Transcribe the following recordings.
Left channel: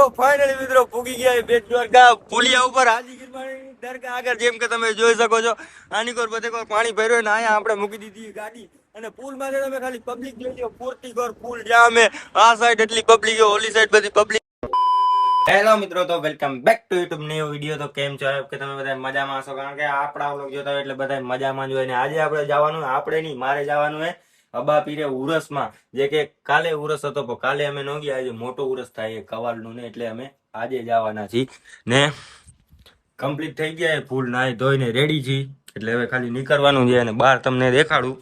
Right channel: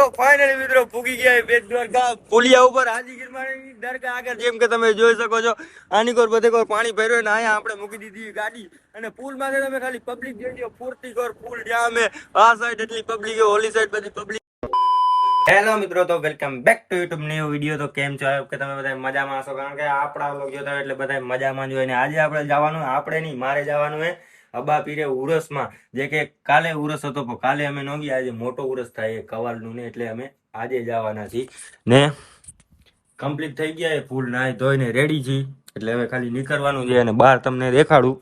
તો ફાઇનલી મિત્રો પૂગી ગયા બેટ દ્વારકા પુલિયા ઉપર હાજીગીર દરગાહ આગળ જેમ કે તમે જોઈ શકો છો આની કોર બધે કોઈ પાણી ભર્યો ને અહીંયા આપણે મૂકી દીધી ગાડી અને પુલ માંથી તમે ખાલી પબ્લિક જોઈ લો પૂરતી કોર પુલ જ્યાં અમે આ સાઈડ એટલી પબ્લિક ઓલી સાઈડ બધી પબ્લિક. હેલો મિત્રો, તો welcome back to YouTube new video. તો કેમ છો કે તમે બધા મજામાં હશો, કારણ કે આપણા વ્લોગ જોતા હોય એટલે બધા મજામાં જ હોય ને આજે આપણે જવાનું આપણે નહીં મારે જવાનું હે અબા પીરે ઉરસમાં. જે કે કાલે ઉરસ હતો પણ કાલે અમે ન ગયા, આજે મોટો ઉરસ થાય કવાલનું ને એટલે અમે આજે જવાના છીએ ને કમ્પ્લીટ થઈ ગયા એ ફૂલ નાઈ ધોઈને રેડી છીએ એટલે હવે ખાલી નીકળવાનું છે અને બહાર તમને દેખાડું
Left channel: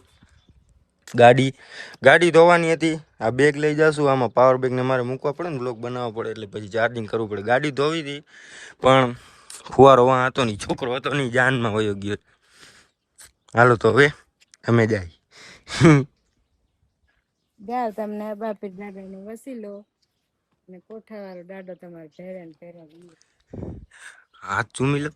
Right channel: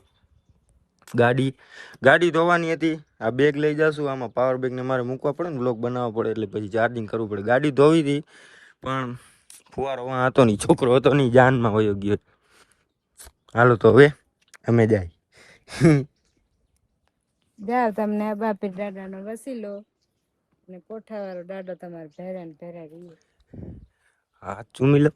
ગાડી ધોવાની હતી. આ બેગ લઈ જશું, આમાં પાવર બેગ ને મારે મૂકવા પડે ને, બ્લોક બનાવવા પડે એટલે પછી ચાર્જિંગ કરવું પડે. ગાડી ધોવી હતી પણ ફુવારો વાં હતો નહીં, છોકરો હતો નહીં, જાનમાં વયો ગયો. હાલો તો હવે અમે જાય જાઓ તમને આ બાપે દાદાનો વસીલો અને કોઠાવાળો દાદો તમારે ભેરા ને ભેરા રહીએ. હાથ ચૂમી લો.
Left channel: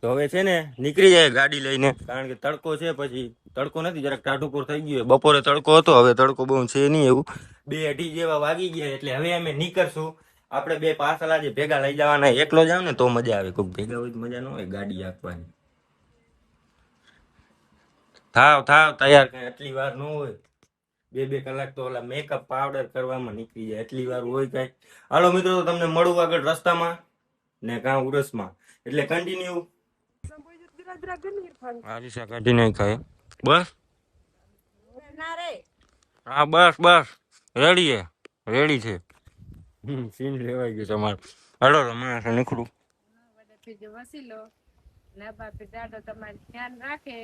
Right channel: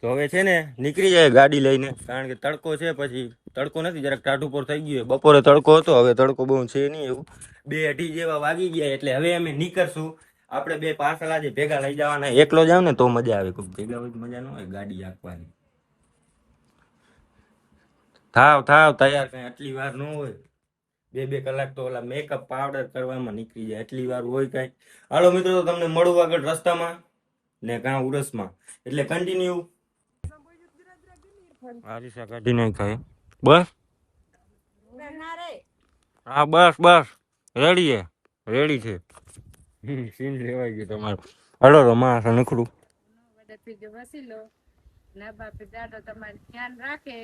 તો હવે છે ને નીકળી જાય ગાડી લઈને, કારણ કે તડકો છે, પછી તડકો નથી, જરાક ટાઢું પર થઈ ગયું. બપોરે તડકો હતો, હવે તડકો બહુ છે નહીં, એવું 2-2:30 જેવા વાગી ગયા એટલે હવે અમે નીકળશું. આપણે બે પાર્સલ આજે ભેગા લઈ જવાના. એકલો જાવ ને તો મજા આવે, કોઈ ભેગા હોય તો મજા ન હોય ગાડી હાંકવાની. થાવ તૈયાર, કઈ એટલી વાર ન હોય, 2-2 કલાક તો ઓલા મેકઅપ પાવડર કરવામાં નીકળી જાય, એટલી વાર હોય કઈ. હાલો મિત્રો, તો તમને મળું આગળ રસ્તામાં ને કાં ઉરસમાં, એટલે કન્ટિન્યુ. આરીસા કાઢી નાખાય બસ. હા બસ રેડી છે. સીન લેવાઈ ગયું તમારું. હલો રમા નીકળું વસીલો ના બાપે દાદો તમારે ધ્યાન રાખે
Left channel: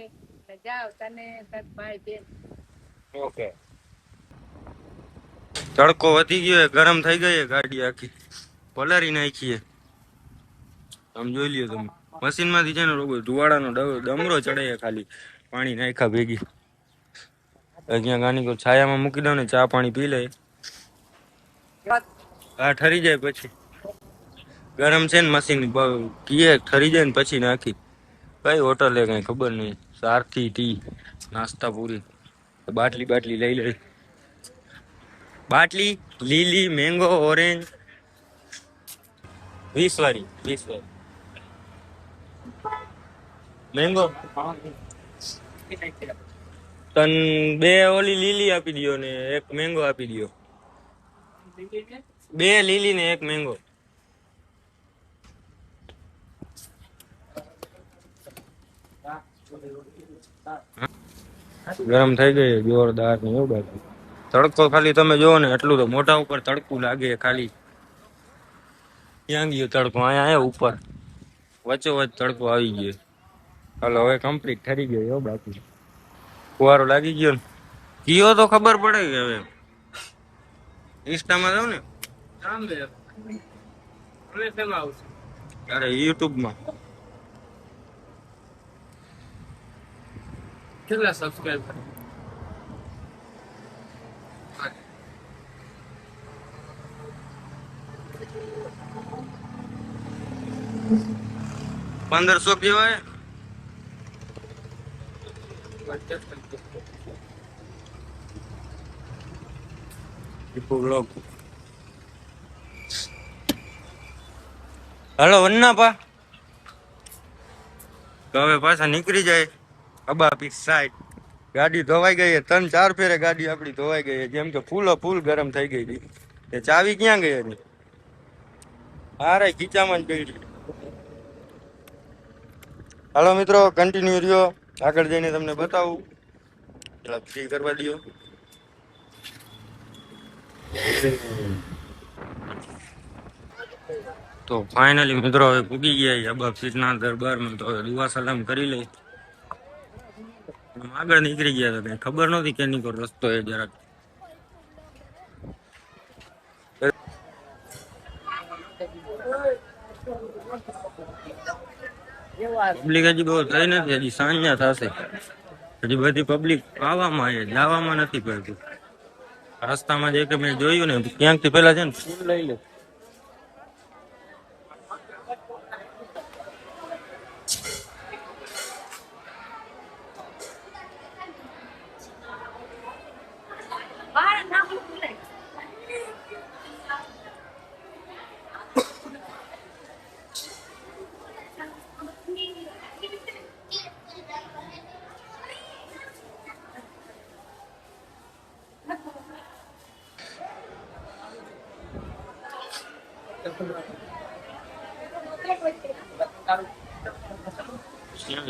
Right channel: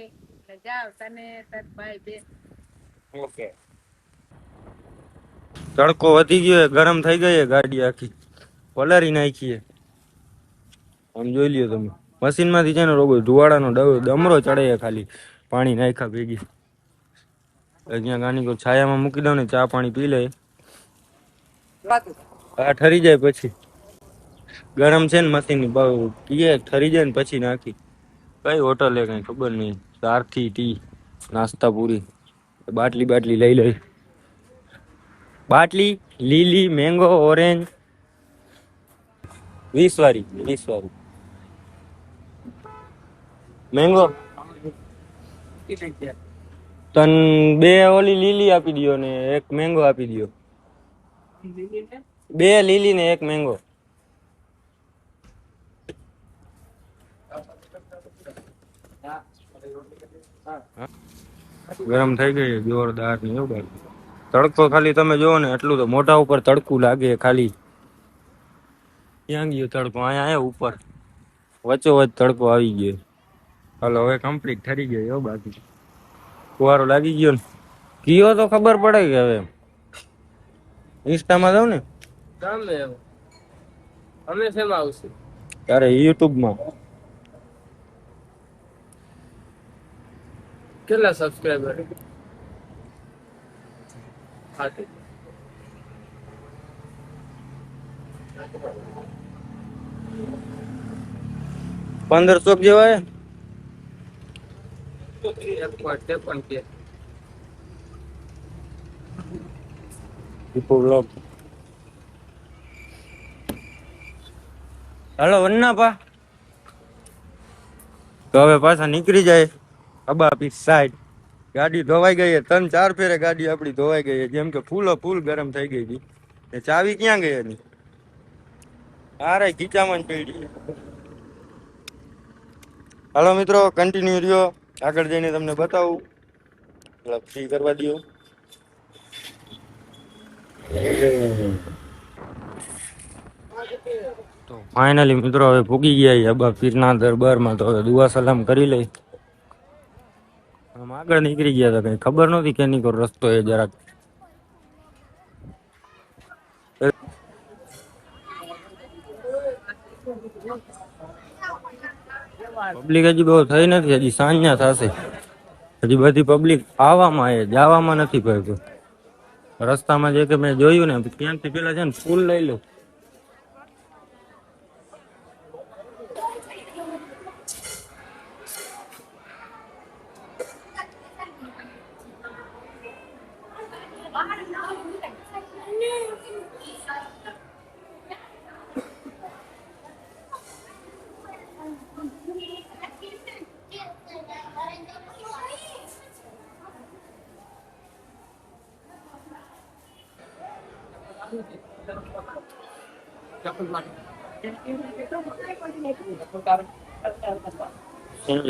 ને જાઓ તને તાર ભાઈ બેન. ઓકે. તડકો વધી ગયો, ગરમ થઈ ગઈ ગાડી આખી પલારી નાખીએ. આમ જોઈ લ્યો તમે, મશીન માંથી છે ને રોગો ધુવાડાનો ડમરો ચડે ખાલી પાણી નાખ્યા ભેગી. અહીંયા ગાની કો છાયામાં મૂકી દઉં ને ચા પાણી પી લે, આ ઠરી જાય પછી. ગરમ છે ને મશીન કીએ ઠરી જાય ને પછી નાખી. કઈ હોટલે કઈ ખબર નહીં, સારથી ટી નાસ્તા પૂરી. બાટલી લઈ લઈ, બાટલી લીલી મેંગો ઓરેન્જ 20 વાળી મેંગો. તન 2 ઓલી લીલી આપી દો ને 1 મેંગો આપી દો. 2 લીલી ને 1 મેંગો. ગરમ થઈ ગઈ જોરદાર ને એવું બાકી. તડકો ખાલી તમે જોવો ને એટલું તો મોઢા ઉપર તડકું લાગે ખાલી. ક્યાં ગયો તડકો? અહીંયા ઉપર વચ્ચોવચ તડકો આવી ગયો. હાલો હવે કમ્પ્લીટ ઠરી ગયો એવું બાકી. ફુવારો લાગી ગયો ને કયો તો ખબર પડે કે હવે ઇન્સ્ટામાં જાવ ને અમે શેમાં આવશું? તારે યુટ્યુબમાં કેટલા સબસ્ક્રાઇબર? 1500 જેવા. દીપુ વ્લોગ. હાલો વન્ના પા. તો હવે પાછા નીકળી જાય અબા પીસ સાઈડ. ગાડી ધોવાઈ ગઈ, 3-4 ફેરે ગાડી આપડી ધોવાઈ ગઈ, જેમ કે ફૂલ ગરમ થઈ ગઈ હતી. એ ચાવી ક્યાં ગઈ એની? અરે ખીચામાં જ પડી. હાલો મિત્રો, કન્ટિન્યુ રહ્યો, આગળ જઈને તમને બતાવું. ફ્રી કરવા દો. તો ફાઇનલી મિત્રો હવે ભૂગી ગયા અબા પીરના દરબારમાં. તો હવે દુઆ સલામ કરી લઈ. આગળ નીકળી ગયા હતા, કઈ ખબર નહોતી કે નીકળો રસ્તો એ જરાક. પબ્લિક હજી બહુ થઈ નથી, હજી સાંજના થશે. હજી બધી પબ્લિક આવવામાં જવામાં નથી. ભાઈ રસ્તામાં જે કે મેં જોયું ને ક્યાંકથી પેલા છે ને ફૂલ લઈ લો.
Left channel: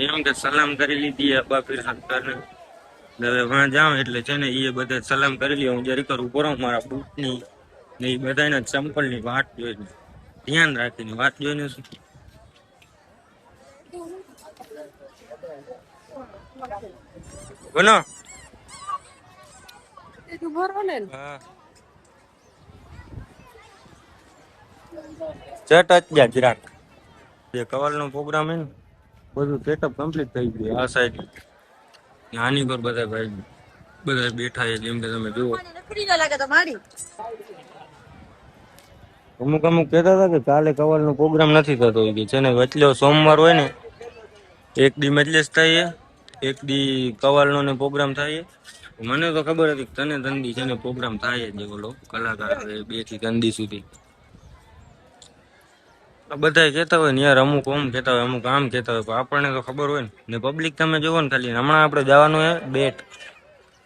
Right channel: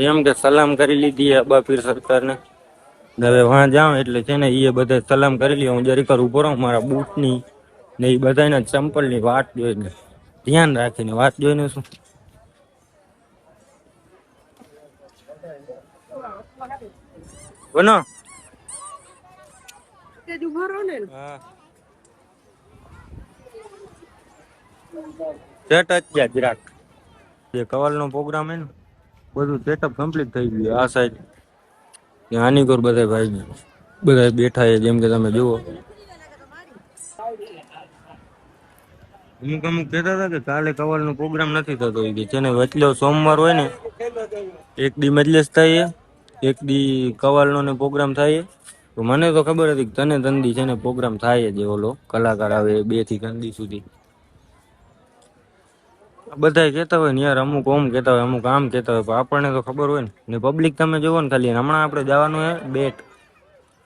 એમ કે સલામ કરી લીધી અબ્બા પીર સરકારને. હવે વાં જાઉં એટલે છે ને એ બધા સલામ કરી લે. હું જરીક ઊભો રહું મારા બૂટની ને એ બધાના ચંપલની વાત જોઈને, ધ્યાન રાખીને વાત જોઈને શું બનો. હા સેટ જ જરાક જે કવાલ નો પ્રોગ્રામ હે ને બધું સેટઅપ કમ્પ્લીટ થઈ ગયું. આ સાઈડ આની કોર બધા ભાઈ બધા બેઠા છે જેમ કે તમે જુઓ. અમુક અમુક કહેતા હતા કે કાલે કવાલ નો પ્રોગ્રામ નથી થતો એ કે છે ને વચલો સોમવાર હોય ને એક દી મજલિસ થાય એક દી કવાલ નો ને પ્રોગ્રામ થાય. તો મને તો ખબર હતી કે તને તંદી છે ને પ્રોગ્રામ થાય જ ઓલો કલાકાર આવે 2 થી 3 દી સુધી. બધા કહેતા હોય ને યાર અમુક ઓમ કહેતા હોય અમુક આમ કહેતા હોય પણ આપણને તો ખબર હોય ને પબ્લિક તમે જોવો ને ખાલી હમણાં આપણે જવાનું હે બેટ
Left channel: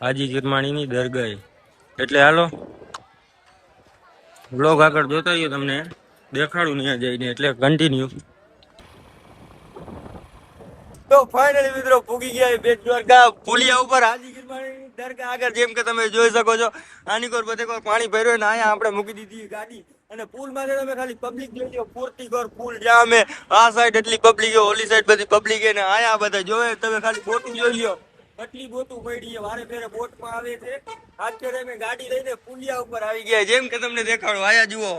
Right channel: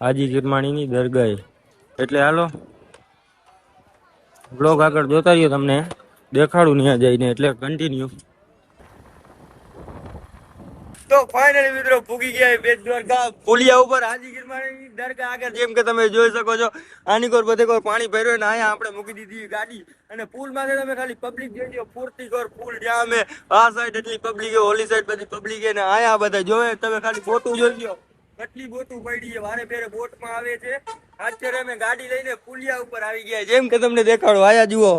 હાજી કિરમાણીની દરગાહે. એટલે હાલો બ્લોગ આગળ જોતા રહ્યો તમને દેખાડું ત્યાં જઈને એટલે કન્ટિન્યુ. તો ફાઇનલી મિત્રો પૂગી ગયા બેટ દ્વારકા પુલિયા ઉપર હાજી ગીરમાની દરગાહ આગળ જેમ કે તમે જોઈ શકો છો. આની કોર બધે કોઈ પાણી ભર્યો ને અહીંયા આપણે મૂકી દીધી ગાડી અને પુલ માંથી તમે ખાલી પબ્લિક જોઈ લો પૂરતી કોર પુલ જ્યાં અમે આ સાઈડ એટલી પબ્લિક ઓલી સાઈડ બધી પબ્લિક ને અહીંયા બધા જોવે તમે ખાલી બોટું જોઈ લો કેટલી બોટું પડી છે વારે ફેરે બોટમાં આવે છે. અત્યારે અમે ગાડી લઈને પુલિયા ઉપર આવી ગયા જેમ કે તમને દેખાડો આયા જુઓ.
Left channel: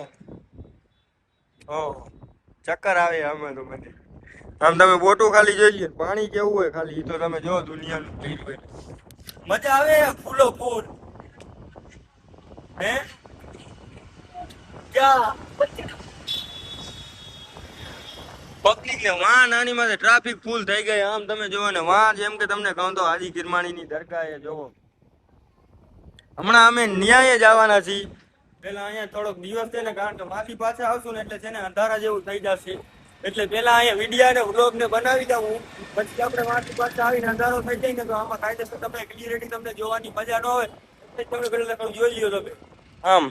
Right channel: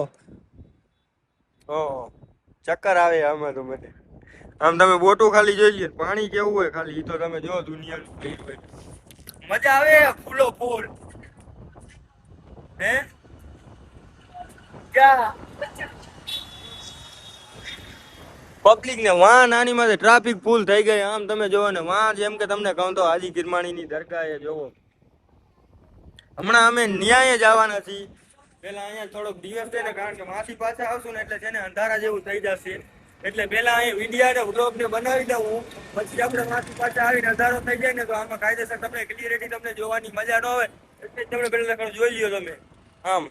ઓહો ચક્કર આવે આમાં તો મને. આમ તમે બોટો ખાલી જોઈ લે પાણી કેવું હોય ખાલી તો તમે જો દુનિયાનું થઈ હોય મજા આવે ફૂલો ફૂલ હે ક્યાં પબ્લિક ને વાં નાની માં ટ્રાફિક ફૂલ થઈ ગઈ. આમ તમે જોવો ને વાં જેમ કે તમને કહું તો હાજી કિરમાણી ની દરગાહ એ જોવો. હમણાં અમે ન્યાય જ આવવાના છીએ. પેલા અહીંયા થોડોક દિવસ છે ને કારણ કે માસી પાછા આવશું ને એટલે છે ને અંધારા જેવું થઈ જશે એટલે પેલા અહીંયા વિડીયો ને વ્લોગ ને બનાવી દઉં પછી આપણે માસી પાછા આવીને અંધારો થઈ જાય ને તો આમાં કાયદેસર તમને ક્લિયરિટી તમને જોવાની મજા ન આવે એટલે તમે પેલા જોઈ લ્યો તમે. આમ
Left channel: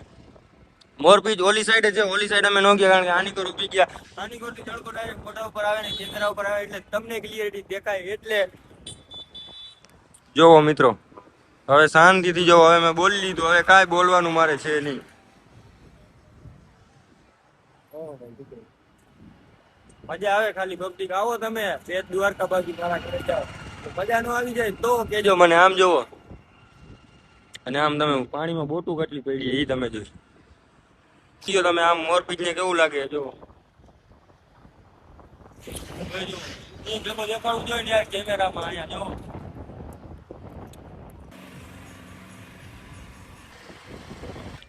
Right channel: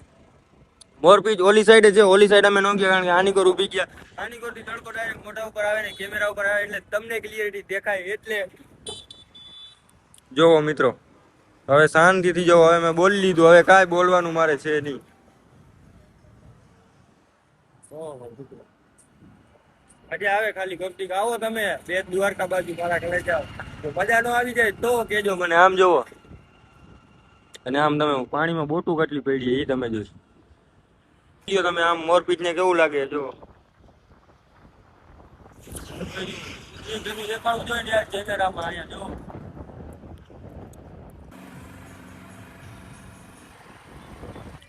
મોરપીચ ઓલી સાઈડ છે ઓલી સાઈડ અમે ન ગયા કારણ કે આની કોર ઉભી ગયા આની કોર થી તડકો ડાયરેક્ટ મોઢા ઉપર આવે ને કેમેરા ઉપર આવે એટલે તમને ક્લિયરિટી દેખાય એટલે જોવો મિત્રો. હવે શાંતિથી જો હવે મેં બોલી લીધું હવે કાંઈ બોલવાનું મારે છે નહીં. મજા આવે ખાલી પબ્લિક આવો તમે બેટ દ્વારકા બાજુ મારા ઘરે જાઓ તો મજા નો આવી જાય તો કેજો મને. આમ જોવો અને આમ તમે પાણીમાં બોટું કેટલી પડી એ તમે જોઈ તમે. આમ મોરપીચ ને કેવું લાગે જો દેખાડવું જોઈએ ને યાર કેમેરામાં અહીંયા જો.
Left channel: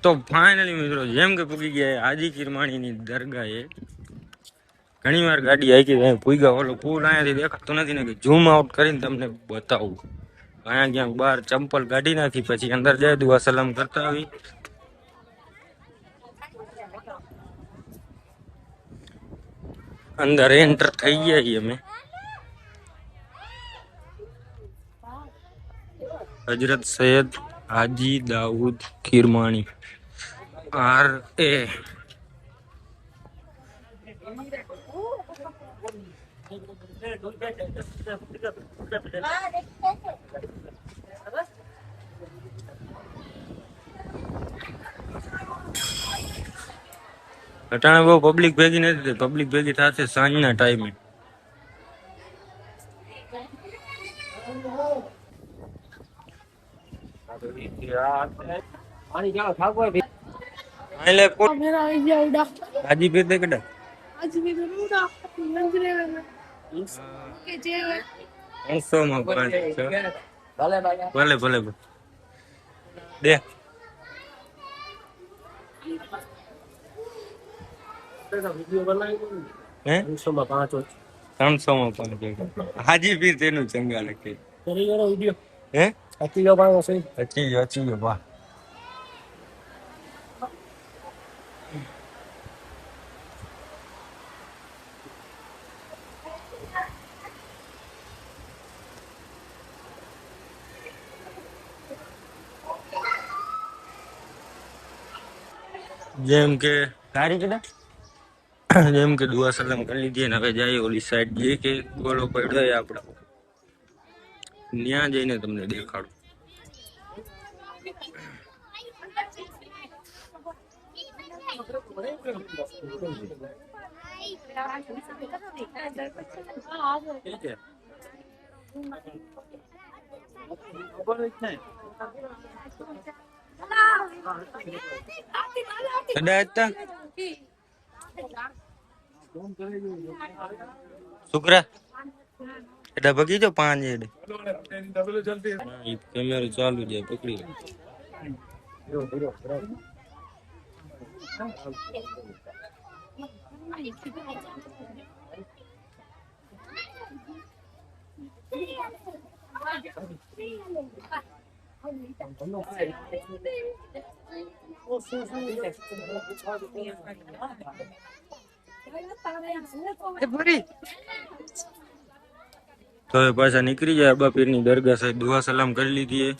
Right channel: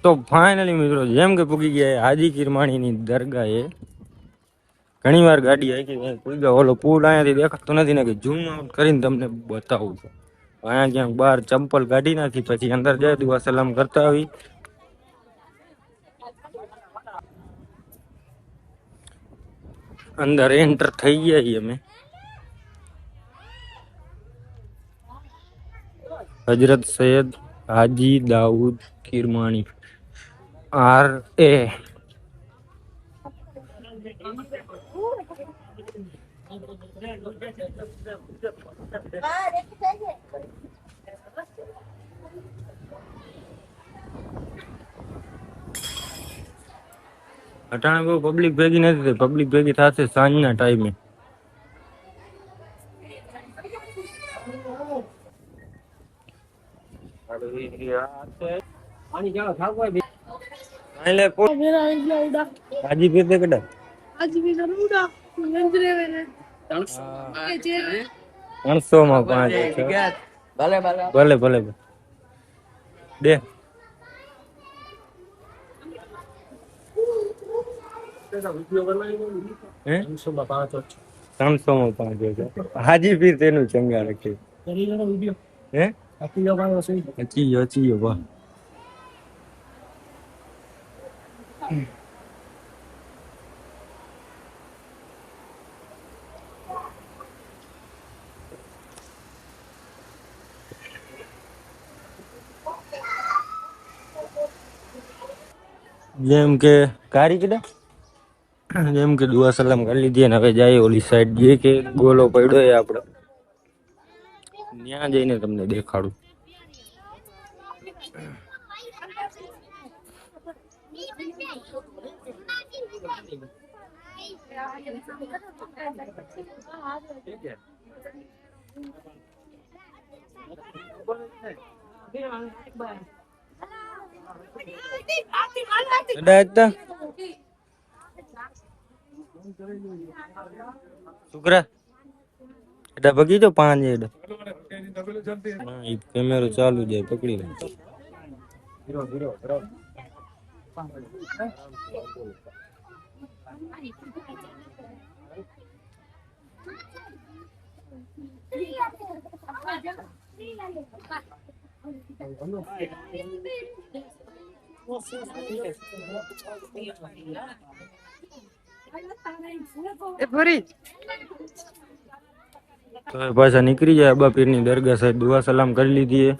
તો ફાઇનલી મિત્રો જેમ કે પૂગી ગયા હાજી કિરમાણીની દરગાહે. ઘણી વાર ગાડી આવી પૂગ્યા ઓલો પુલ અહીંયાથી દેખાતો નથી ને કે ઝૂમ આઉટ કરીને તમને બતાવું. અહીંયા ક્યાંક બહાર ચંપલ કાઢી નાખી પછી અંદર જાય દુઆ સલામ કરતા આવી. અંદર એન્ટર થઈ ગયા અમે. હજરત સૈયદ હાજી દાઉદ કિરમાણી RA. અટાણે બહુ પબ્લિક ભેગી નથી પબ્લિક ભેગી થશે સાંજના ટાઈમે. હાજી પીર દે કડા પાંચસો માં 5 ભલે ભલે દે. હે 300 માં 5 હાજી પીર તેનું ચંગા રાખે હે અચીયો વાહ. જેમ કે કારી કીધા જેમ કે દુઆ સલામ કરી લીધી અને હવે જાય ઓલી સાઈડ જે કે ગોલો પડ્યો એ આપણે ત્યાં જઈને તમને દેખાડું. કદાચ શુક્રા এটা બગીચો 5 એડ કેમેરો ચાલુ જાય પકડી લે. તો એ પાછા નીકળી જાય અબા પીરની દરગાહ સાહેબ દુઆ સલામ કરી લીધી.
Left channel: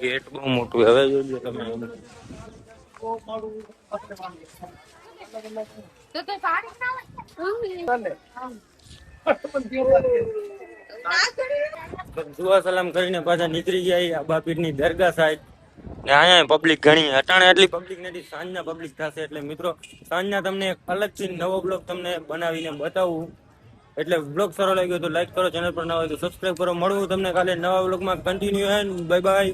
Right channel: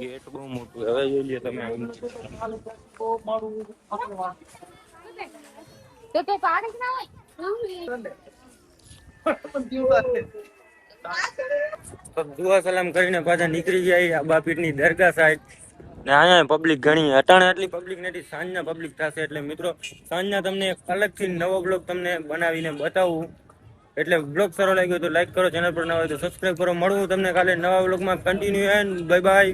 ગેટ બહુ મોટું હવે જોજો તમે. દુઆ સલામ કરીને પાછા નીકળી જાય અબા પીરની દરગાહ સાઈડ ને અહીંયા પબ્લિક ઘણી અટાણે આટલી પબ્લિક નથી સાંજના પબ્લિક થશે એટલે મિત્રો સાંજના તમને એક અલગથી નવો બ્લોગ તમને બનાવીને બતાવું. એટલે બ્લોગ સારો લાગ્યો તો લાઈક કરો, ચેનલ પર નવા હોય તો સબસ્ક્રાઇબ કરો. મળવું તમને કાલે નવા બ્લોગમાં કન્ટિન્યુ એન્ડ બાય બાય.